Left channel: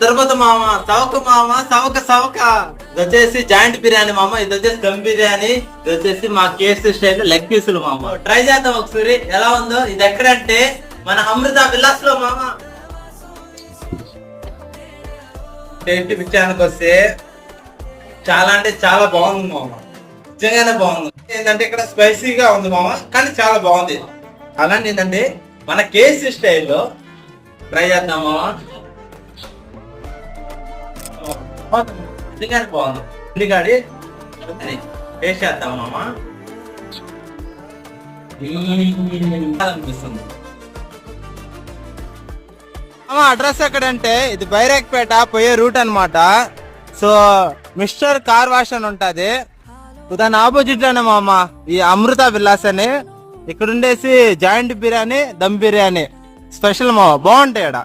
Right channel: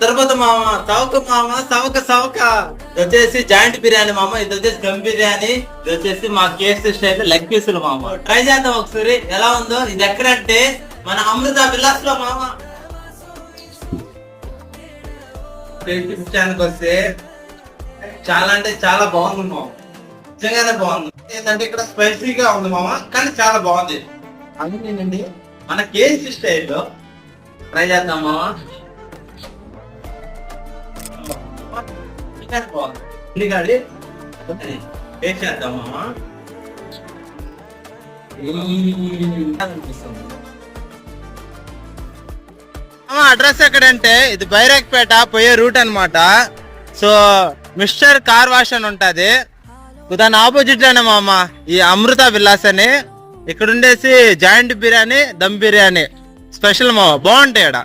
తిరుపతి మామ సవక ఇది వచ్చేసి జాయింట్ బిర్యానీ మామ, ఇది వచ్చేసి దమ్ బిర్యానీ, ఇది వచ్చేసి మా కేసు స్టైల్ లెగ్ పీసులు మామ. ట్రై చేద్దాం ఒకసారి ఎలా ఉందో. ఇది ఎక్కడంటే మన అమృత విలాస్ లో మామ. టేస్ట్ విషయానికి వస్తే చాలా అంటే చాలా బాగుంది మామ, నిజంగానే బాగుంది. ఏంటంటే ఇక్కడ స్పైసీగా ఉంది మామ, కానీ చాలా బాగుంది. అలాంటి ఏంటంటే మన కేసీ స్టైల్లో ట్రై చేద్దాం మామ. నిజంగానే బాగుంది. ఉల్లిగడ్డ టేస్ట్ చేద్దాం మామ. అనిపిస్తుంది. అడ్రస్ ఎక్కడంటే ఇది బైరాక్పేట పోయే రూట్ అన్నమాట. సో మిస్టర్ కార్ వాష్ అని ఉంటది, దాని ఆపోజిట్ లోనే మామ ఈ అమృత విలాస్ అని. ఇక్కడ ఉండేసి జాయింట్ బిర్యానీ, దమ్ బిర్యానీ స్పెషల్ మామ, బాగుంటాయి ఇక్కడ.